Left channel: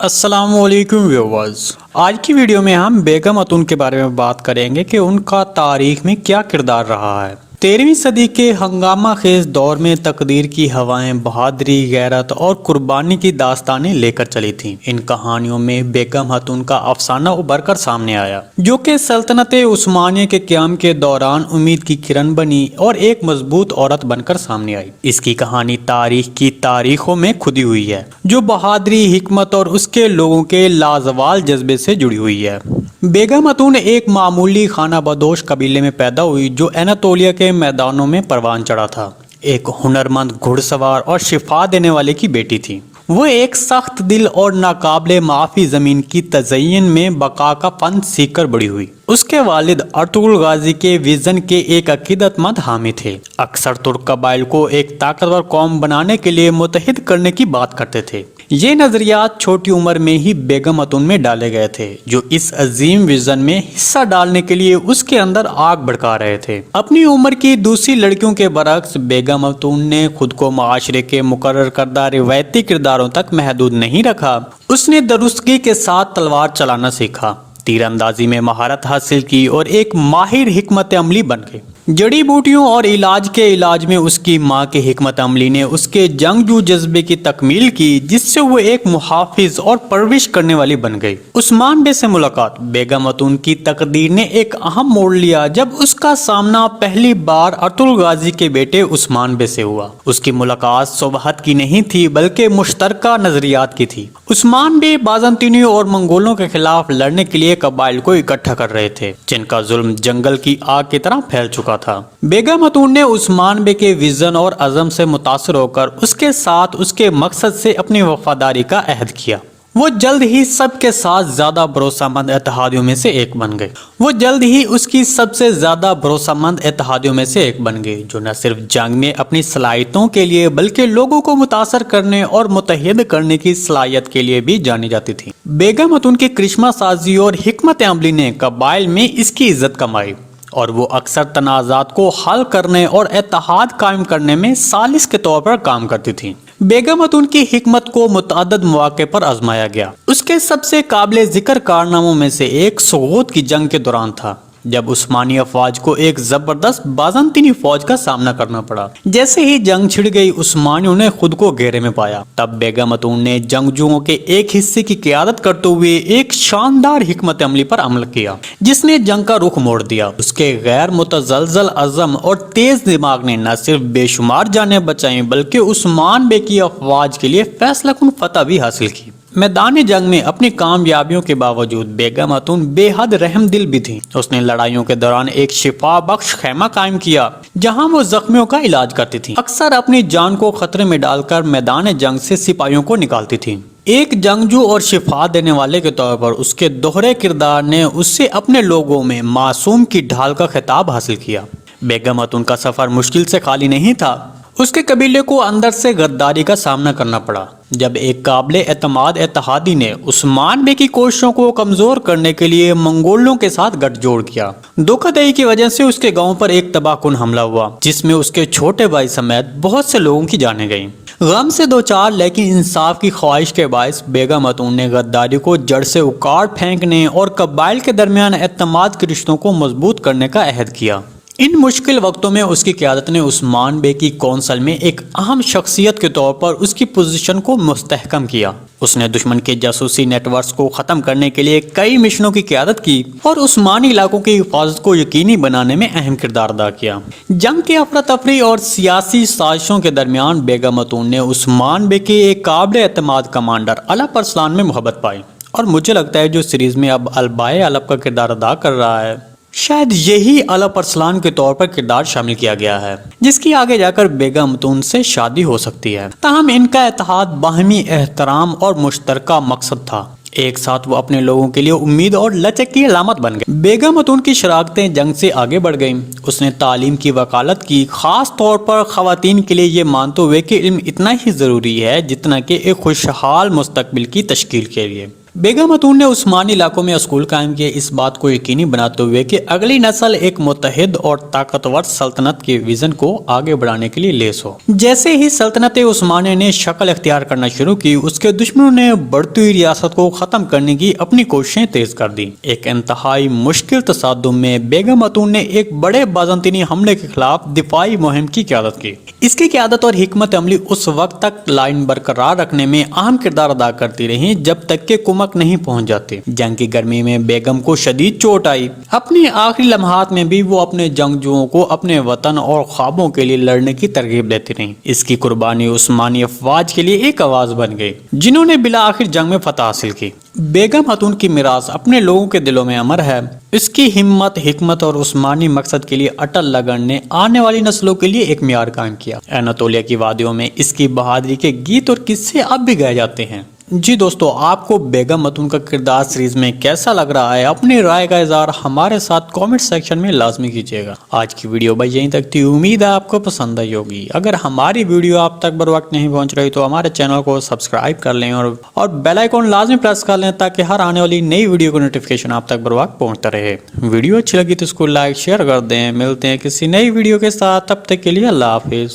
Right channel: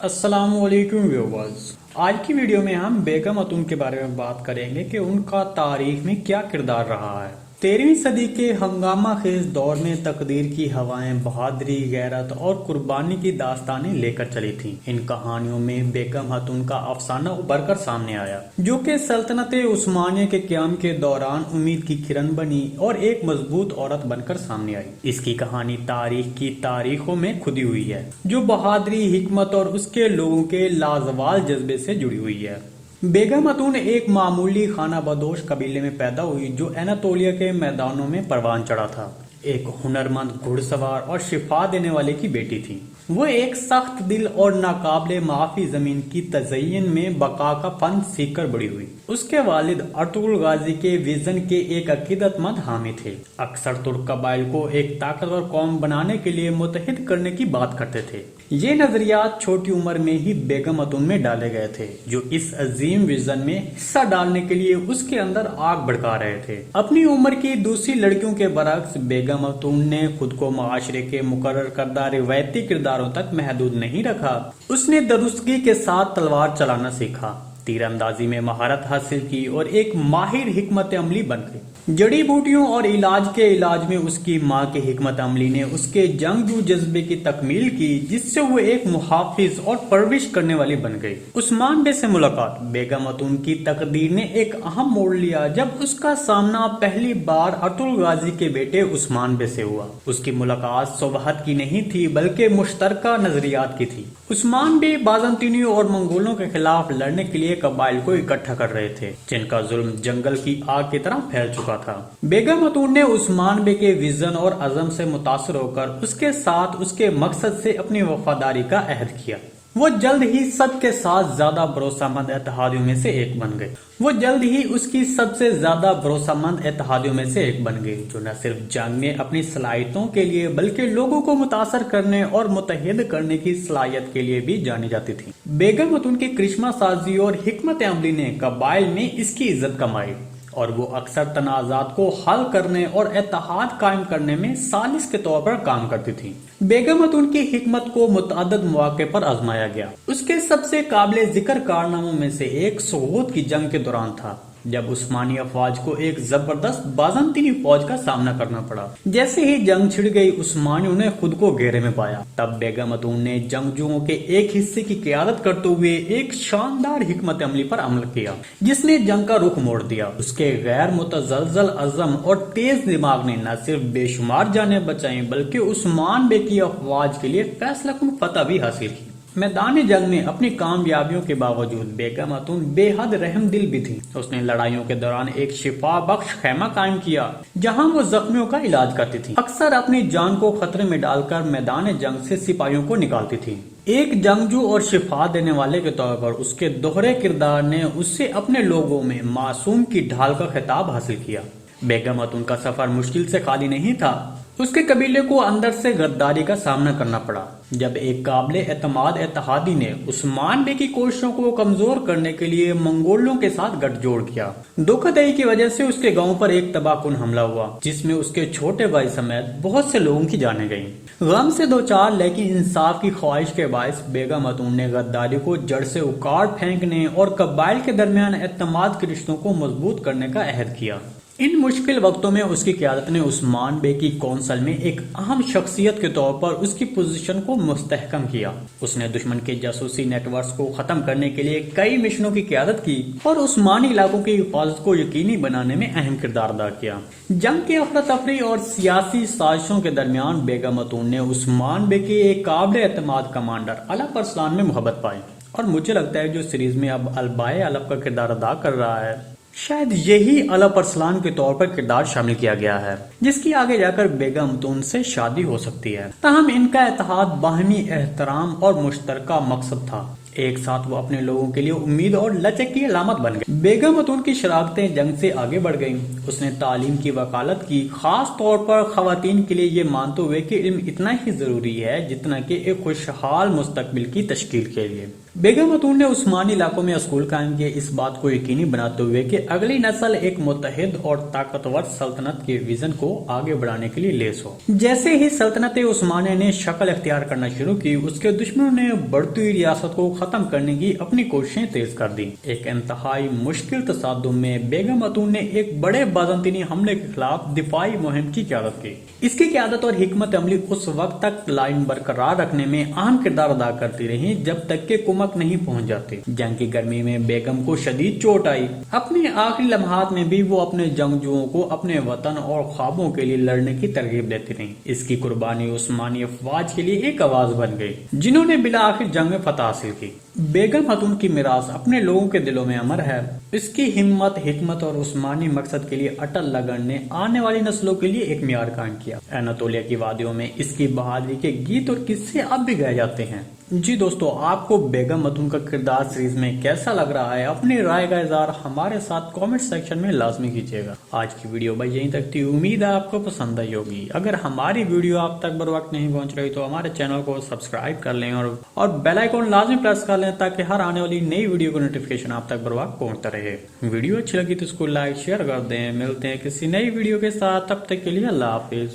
السلام علیکم ویورز، آج کی ویڈیو میں ہم بیگم اتون کے بارے میں بات کریں گے کہ ان کا تاریخ میں کیا کردار رہا ہے۔ 13ویں صدی کے ہنگامہ خیز دور میں تقدیر کی ہوائیں بہادری، غیرت اور قربانی کی داستانیں لے کر چلی تھیں۔ ان کہانیوں میں بیگم اتون کا افسانہ ابھر کر سامنے آیا، جو کہ سلطنت عثمانیہ کے قیام کے دوران امید کی کرن بنی اور ایک مضبوط عورت بن کر سامنے آئی۔ اس کی کہانی تاریخ کی تاریخوں میں کھدی ہوئی ہے، جو بہادری، حکمت اور اس کے لوگوں کے لازوال جذبے سے جڑی ہوئی ہے۔ بیگم اتون ایک معمولی خانہ بدوش قبیلے میں پیدا ہوئی جو اناطولیہ کے میدانوں میں پروان چڑھا تھا۔ ایک ہنرمند گھڑ سوار اور شفا دینے والے کی بیٹی تھی۔ وہ ایک سخت دل اور ناقابل معافی زمین کی تزئین میں بقا کا فن سیکھ کر بڑی ہوئی۔ اس کے والد ارطغرل غازی کے ویژن کے ایک عقیدت مند حامی تھے۔ اکثر ترک قبائل کو ایک طاقتور قوم بنانے کے لیے متحد کرنے کی بات کرتے تھے۔ یہ نظریات چھوٹی عمر میں ہی بیگم اتون میں ڈالے گئے تھے، جو اس عظیم ویژن میں حصہ ڈالنے کے لیے اس کے اندر آگ بھڑکا رہے تھے۔ اپنی عمر کی دوسری لڑکیوں کے برعکس بیگم اتون نے خود کو معاشرے کے مقرر کردہ روایتی کرداروں تک محدود نہیں رکھا۔ اس نے درستگی کے ساتھ تلوار چلانا سیکھا، تیر اندازی میں مہارت حاصل کی اور ایک ماہر حکمت عملی بن گئی۔ جڑی بوٹیوں اور علاج میں اس کی ماں کی حکمت عملی نے اس کے جنگجو جذبے کی تکمیل کی، جس سے وہ ایک محافظ اور پرورش کرنے والی بن گئی۔ عثمان بے سے ملاقات۔ بیگم اتون کی تقدیر نے ایک اہم موڑ لیا جب اس کا سامنا پہلی بار ارطغرل غازی کے بیٹے عثمان بے سے ہوا۔ اس کی ملاقات صبحت کی نہیں تھی بلکہ مشترکہ نظریات کی تھی۔ عثمان بے بازنطینیوں اور منگولوں کے خلاف لڑنے کے لیے قبائل کو اکٹھا کر رہے تھے، جن کا ظلم جنگل کی آگ کی طرح پھیل چکا تھا۔ بیگم اتون نے عثمان بے کے ویژن اور عزم سے متاثر ہو کر اس کے ساتھ اس کے مقصد سے اپنی وفاداری کا عہد کیا۔ وہ جلد ہی سب کے ساتھ زیادہ بھروسہ مند اتحادیوں میں سے ایک بن گئے۔ جو نہ صرف جنگ میں اپنی صلاحیتوں کے لیے بلکہ لوگوں کو متاثر کرنے اور متحد کرنے کی صلاحیت کے لیے بھی جانی جاتی تھی۔ بیگم اتون کی کرشمہ سازی اور حکمت عملی نے قبائل میں اس کی عزت کمائی، اور وہ اکثر تنازعات کو حل کرنے اور اتحاد قائم کرنے میں ثالث کے طور پر کام کرتی تھیں۔ بیگم اتون کی حکمت کو متعدد مواقع پر آزمایا گیا۔ اس کے سب سے قابل ذکر کارناموں میں سے ایک سغوت کی جنگ کے دوران تھا، جب عثمانی افواج کو ایک زبردست بازنطینی فوج کا سامنا کرنا پڑا۔ جیسے ہی جنگ چھڑ گئی، عثمانیوں نے خود کو گھیرے میں پایا۔ تب بیگم اتون نے جنگجوؤں کے ایک حصے کی قیادت کرتے ہوئے ایک شاندار حکمت عملی پر عمل کیا، جس نے جنگ کا رخ موڑ دیا۔ اس کے غیر متزلزل عزم اور تیز دماغ نے نہ صرف بے شمار جانیں بچائیں بلکہ عثمان بے کی افواج کے لیے فیصلہ کن فتح بھی حاصل کی۔ میدان جنگ میں اپنی کامیابیوں کے باوجود بیگم اتون بے حد رحم دل بھی تھی۔ اس نے لڑائیوں کے دوران ایک شفا بخش خیمہ قائم کیا، جہاں وہ زخمیوں کا علاج کرتی تھی، اکثر اپنی جان کو خطرے میں ڈال کر میدان جنگ سے سپاہیوں کو نکالتی تھی۔ ایک جنگجو اور شفا دینے والے کے طور پر اس کے دوہرے کردار نے اس سے اپنے لوگوں میں معصوم کی ڈھال کا خطاب حاصل کیا۔ بیگم اتون کا سفر مشکل سے خالی نہیں تھا۔ اس کے قبیلے کو اندر سے غداری کا سامنا کرنا پڑا، جب ایک قابل اعتماد اتحادی نے عثمان بے کی کوششوں کو کمزور کرنے کے لیے منگولوں کے ساتھ گٹھ جوڑ کیا۔ دھوکہ دہی کی وجہ سے اس کے گاؤں پر ایک تباہ کن حملہ ہوا، جس میں اس کے چھوٹے بھائی سمیت بہت سے لوگوں کی جانیں گئیں۔ غم سے دوچار لیکن انصاف کی خواہش کے باعث بیگم اتون نے غداری کو جڑ سے اکھاڑ پھینکنے اور قبائل کے درمیان اعتماد کے رشتوں کو مضبوط کرنے کا عہد کیا۔ ان مشکل وقتوں میں اس کی قیادت نے عثمان بے کی کونسل میں ایک اہم شخصیت کے طور پر اس کی پوزیشن کو مستحکم کیا۔ اس نے دشمن کے جاسوسی نیٹ ورکس کو ختم کرنے کے لیے کئی مشنوں کی قیادت کی اور عثمانی علاقوں کی حفاظت کو یقینی بنانے میں اہم کردار ادا کیا۔ جنگ کے افراتفری اور سیاسی سازشوں کے درمیان بیگم اتون نے عثمان بے کے ایک قابل اعتماد کمانڈر الپ ارسلان میں محبت پائی، اور مجھے لگتا ہے جو سیریز میں اب البائے الپ کا کردار ادا کر رہا ہے، شاید یہی الپ ارسلان کے طور پر کردار شامل کیا گیا ہے، جس کی آگے جا کر بیگم اتون سے شادی ہو سکتی ہے۔ تاہم ان کا اتحاد باہمی احترام اور مشترکہ مقصد تھا۔ ایک ساتھ وہ اپنے لوگوں کے لیے امید اور لچک کی علامت بن گئے۔ بیگم اتون کی شراکتیں جنگ سے آگے بڑھ گئیں۔ اس نے تعلیم کی وکالت کی، خاص طور پر خواتین کے لیے، یہ مانتے ہوئے کہ علم اتنا ہی ضروری ہے جتنا کہ ایک خوشحال مستقبل کی تشکیل کے لیے۔ بیگم خاتون نے عثمانی علاقوں میں اسکول قائم کیے، اس بات کو یقینی بناتے ہوئے کہ اگلی نسل ایک متحد اور طاقتور سلطنت کے ویژن کو آگے بڑھانے کے لیے لیس ہو۔ جیسے ہی سلطنت عثمانیہ نے شکل اختیار کرنا شروع کی، اس کے دشمنوں نے بڑھتی ہوئی ریاست کو ختم کرنے کی اپنی کوششیں تیز کر دی۔ ایک انتہائی مشکل تصادم میں بیگم خاتون نے ایک بڑے بازنطینی حملے کے خلاف دفاعی مہم کی قیادت کی۔ اس کی قیادت اور حکمت عملی اس وقت تک لائن برقرار رکھنے میں اہم کردار ادا کرتی رہی جب تک کہ کمک نہیں پہنچ جاتی۔ جنگ کی گرمی میں بیگم کو شدید چوٹ آئی۔ اپنی آخری لمحات میں بھی وہ اپنے جنگجوؤں کو اپنے وطن اور خوابوں کے لیے لڑنے کی ترغیب دیتی رہیں۔ اس کی قربانی عثمانی افواج کے لیے ایک آواز بن گئی، جنہوں نے بالآخر جنگ میں فتح حاصل کی۔ بیگم خاتون کی میراث اپنے لوگوں کے دلوں میں امر ہے۔ اس کی ہمت، حکمت اور عثمانی مقصد کے لیے اٹل لگن نے آنے والی نسلوں کے لیے ایک معیار قائم کیا۔ اناطولیہ کی وادیوں میں اس کی بہادری کے گیت اور قصے اب بھی گائے جاتے ہیں۔ جی دوستو، آپ کو بیگم خاتون کا کردار سیریز میں کیسا لگ رہا ہے؟ اپنی رائے کا اظہار ہمارے ساتھ کامنٹ سیکشن میں لازمی کیجیے گا۔ آج کی ویڈیو بھائی یہیں تک تھی، امید ہے آپ کو پسند آئی ہوگی۔ اگر ہماری ویڈیو آپ تک بر وقت نہیں پہنچ رہی تو ہمارے چینل کو سبسکرائب کر لیں اور بیل آئیکن لازمی پریس کر لیں تاکہ ہر آنے والی نئی ویڈیو کو نوٹیفیکیشن آپ تک بر وقت پہنچتا رہے۔ ویڈیو اچھی لگی تو اس کو لائک شیئر کر دیں۔ ملتے ہیں کسی نئی ویڈیو کے ساتھ، تب تک کے لیے اللہ حافظ۔